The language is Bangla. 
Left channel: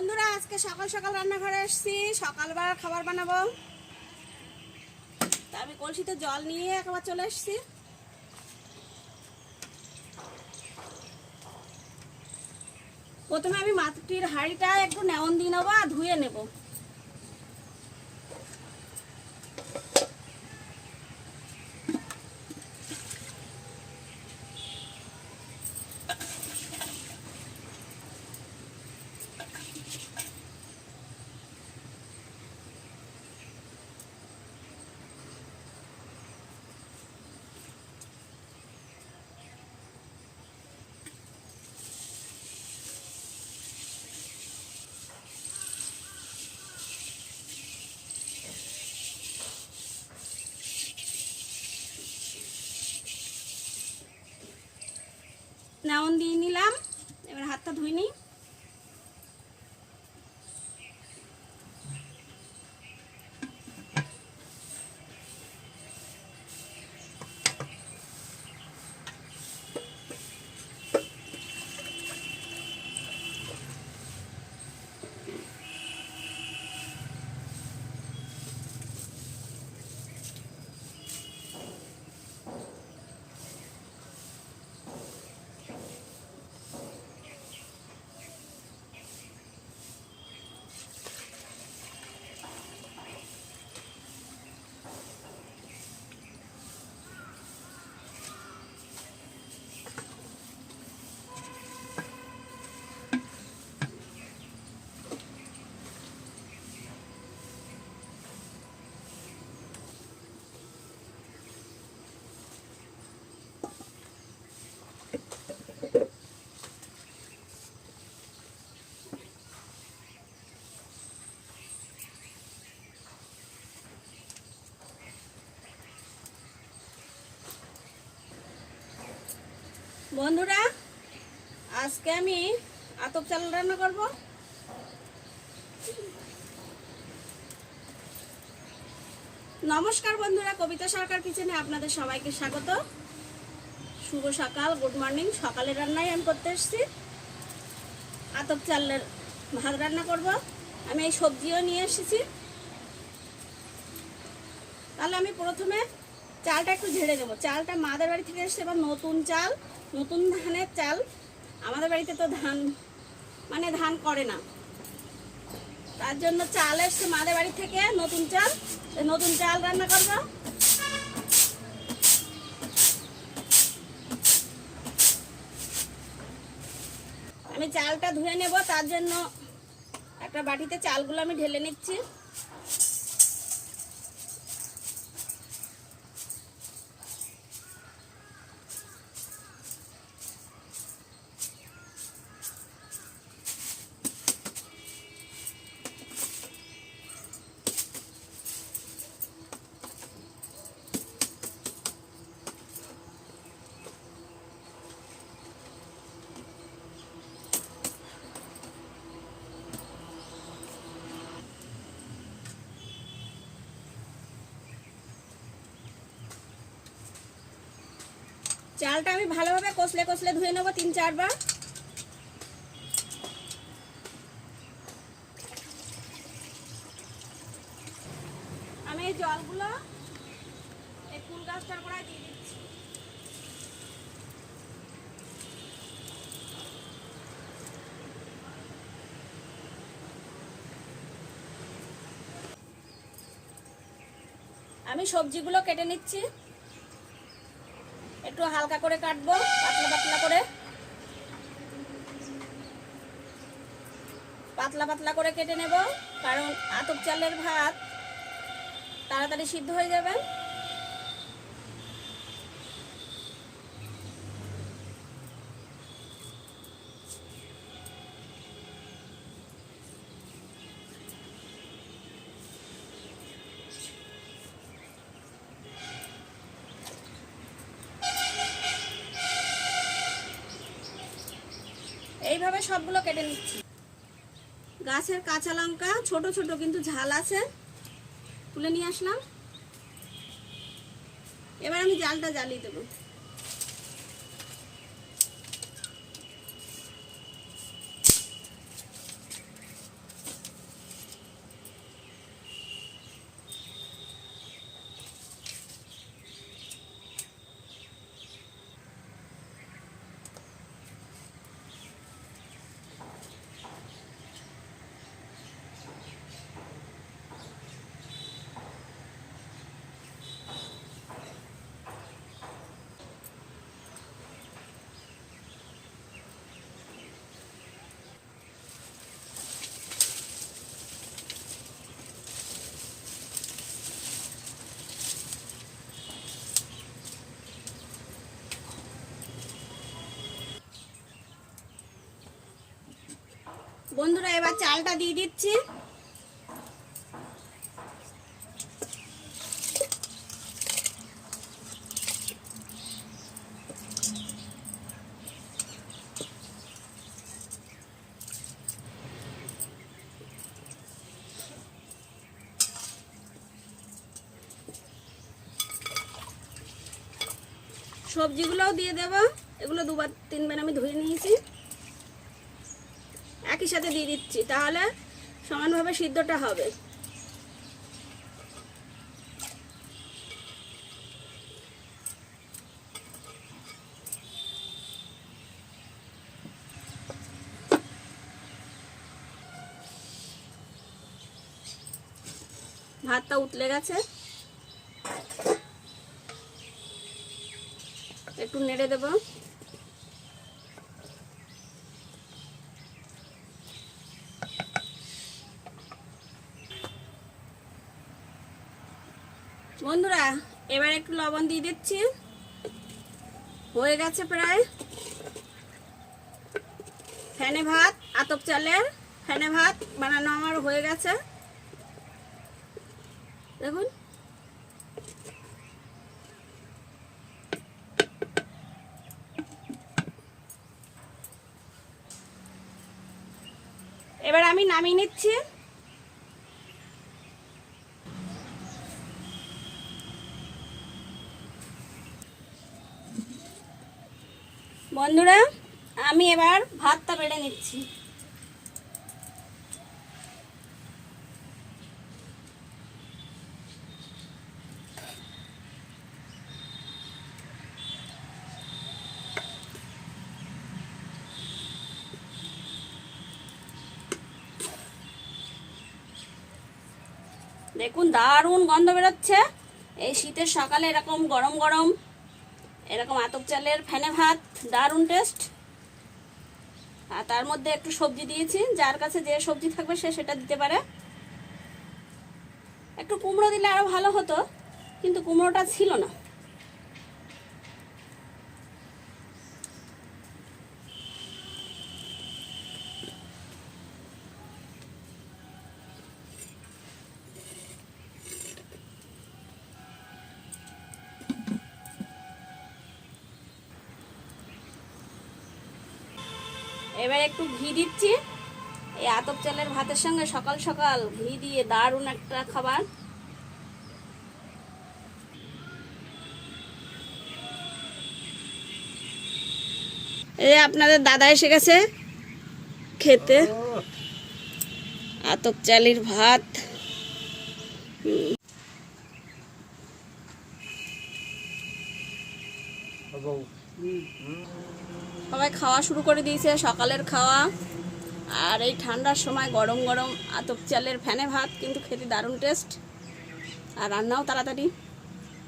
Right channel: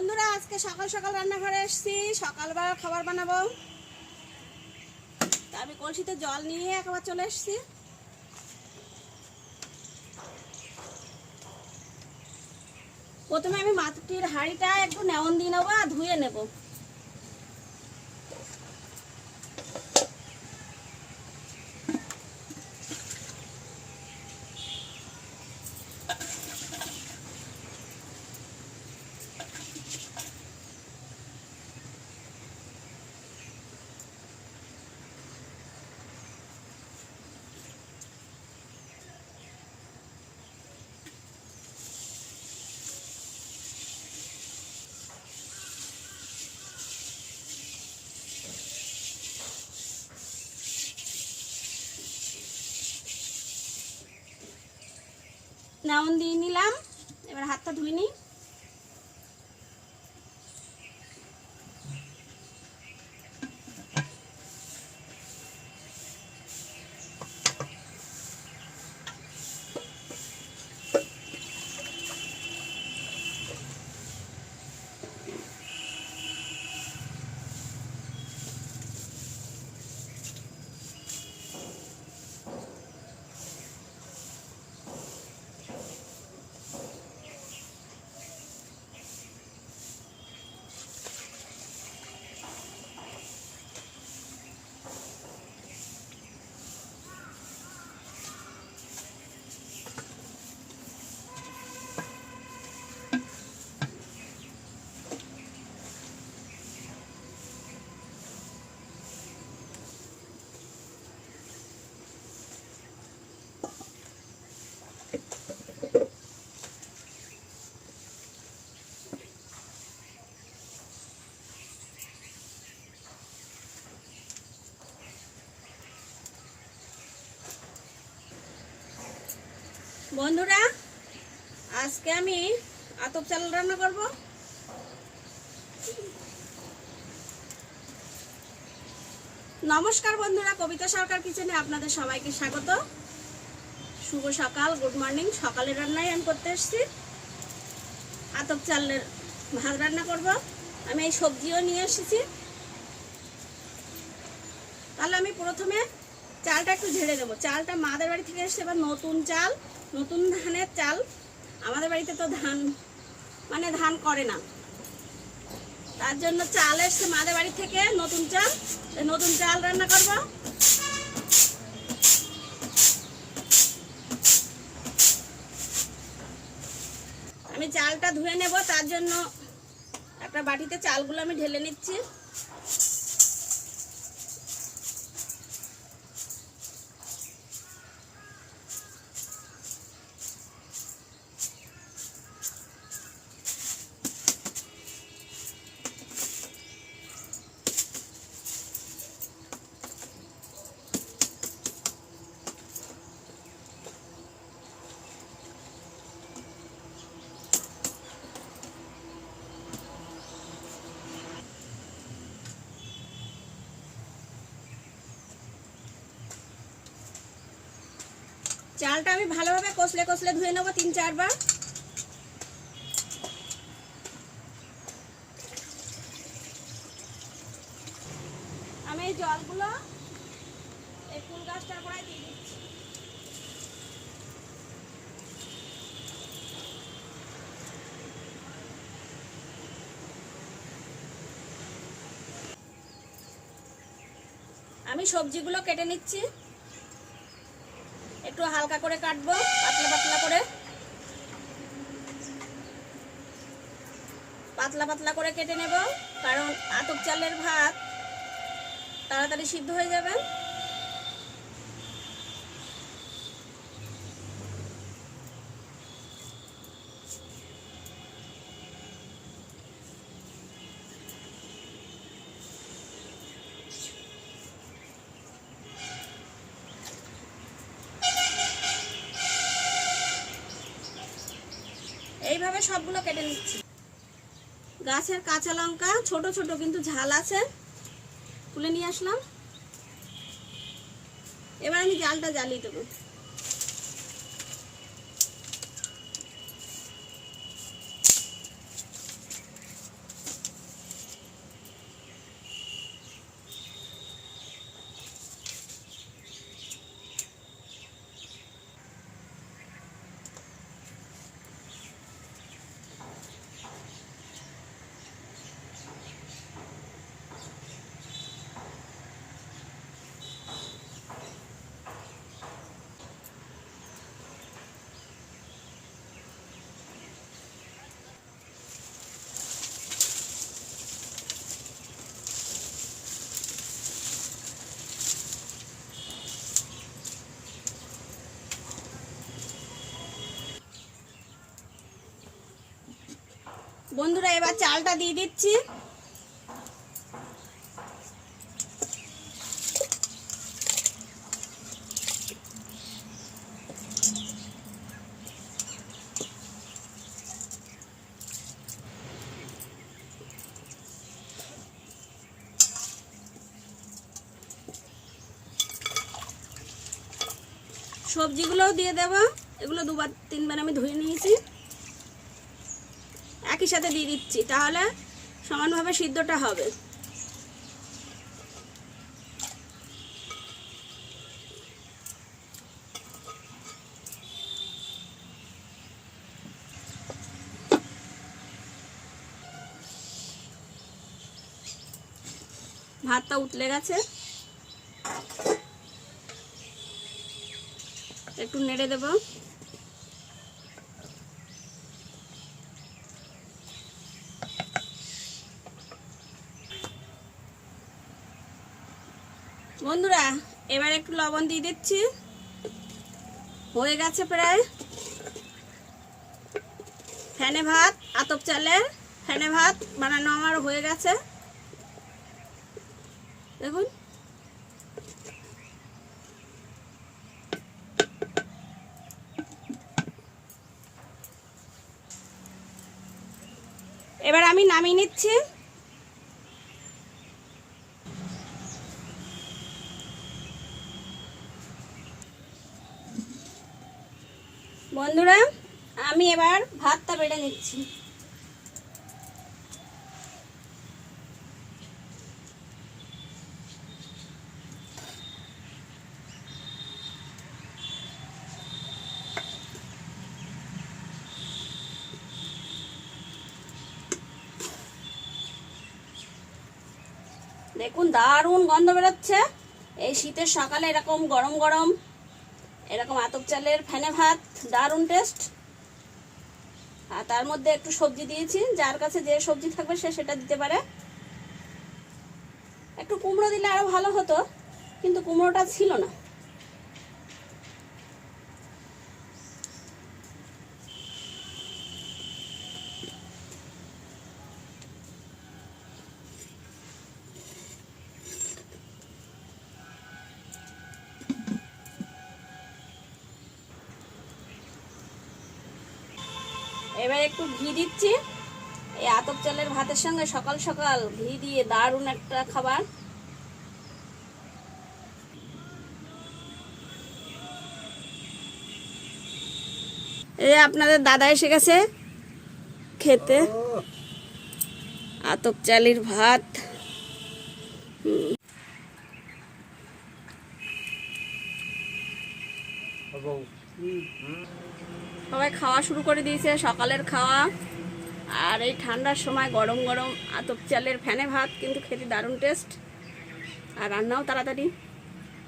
বন্ধুরা, আজকে সকাল সকাল রান্নাঘরে এসেছি। সকালবেলা খাবার বানাবো। তা আমি কলসিতে জল নিয়ে একবার চলে এসছি। প্রথমে আমি মাটির হাঁড়িটা একটু নেমন দিয়ে নেব আর ধুয়ে নেব। নেমন দিয়ে নিলাম। এবার হাতটা ধুই নিই। বন্ধুরা, আজকে আমি আতপ চাল রান্না করব। নমস্কার বন্ধুরা, কবিতা সরকার কিচেনে আপনাদের সবাইকে স্বাগত। শুভ সকাল, গুড মর্নিং, সকালের রান্নাই আমি করতে এসেছি। আতপ চালের ভাত রান্না করব। আমি এই সবজিও নিয়ে এসেছি। তাহলে আমি প্রথমে চালটা একটু ঝেড়ে দেবো চালটা মাদের বাড়ি থেকে এসে এবার নতুন চাল। নতুন ধানের চাল। আমাদের বাড়িতে তো ধান মানে ধান করে না। তার জন্য চাল এসছে মাদের বাড়ি থেকে নতুন চাল। নতুন চাল রান্না করব। আমি চালটা ধুয়ে নেব, তার জন্য একটা বাটিতে চালগুলো আমি ঢেলে নিচ্ছি। চালটা আমি ভালোভাবে কষলে কষলে ধুয়ে নেব তিন চারবার। আমি এই জলগুলো এই ফুল গাছটার গোড়ায় দিয়ে দিচ্ছি। আমি সবজিগুলো কেটে নিচ্ছি। একটু হালকা করে কাটবো, পাতলা পাতলা করে। পাতলা পাতলা করে কেটে নেব, কারণ আতপ চালের ভাত তাড়াতাড়ি সিদ্ধ হয়ে যাবে। এইভাবে সবগুলো কেটে নিচ্ছি। গাছের কাঁচা লঙ্কা, ছোট ছোট কিন্তু ঝাল আছে। তুলে নিয়ে আসলাম। এবার আমি জালটা জ্বালিয়ে দেবো। বন্ধুরা এবার চালটা দিয়ে দিচ্ছি। সবজিগুলোও দিয়ে দেব। এগুলো দুবার তিনবার আমি ধুয়ে নিয়েছি। একই সাথে দিয়ে দিচ্ছি তাহলে সমানভাবে সিদ্ধটা হবে। ভাতটা উতলে গেছে। একটু নেড়ে দেব। বন্ধুরা, এবার একটু লবণ দিয়ে দিচ্ছি। হয়ে গেছে প্রায়। ফ্যানে ভাত, আতপ চালের ফ্যানে ভাত বানানো আমার হয়ে গেছে। দেখুন। এবার আমি নামিয়ে নিচ্ছি। বন্ধুরা, আমি এবার ভাতটা বেড়ে নিচ্ছি। দেখুন, দারুণ গন্ধ বেরোচ্ছে। এই শীতের সকালে এরকম গরম গরম এরকম আতপ চালের ফেনে ভাত, দারুণ টেস্ট আর তার মধ্যে একটু সবজি দিয়েছি, যার কাছে যে সবজি থাকবে সে সেটা দিতে পারে। একটু কুমড়ো দিলে আরও ভালো হতো, কিন্তু কুমড়োটা ছিল না। এবার একটু ঘি দিচ্ছি। এই আতপ চালের ভাতের সঙ্গে সকাল সকাল ঘি দিয়ে দারুণ একটা খাবার। এই আপনাদের দাদা এসে গেছে খেতে। আতপ চালের ভাত। হুম। সবাই খাওয়া শুরু করে দিয়েছে, সকালের খাওয়া। আর এই ঠান্ডার সময় গরম গরম আতপ চালের ফ্যানে ভাত, কিন্তু খেতে দারুণ টেস্ট আর রান্নাও তাড়াতাড়ি।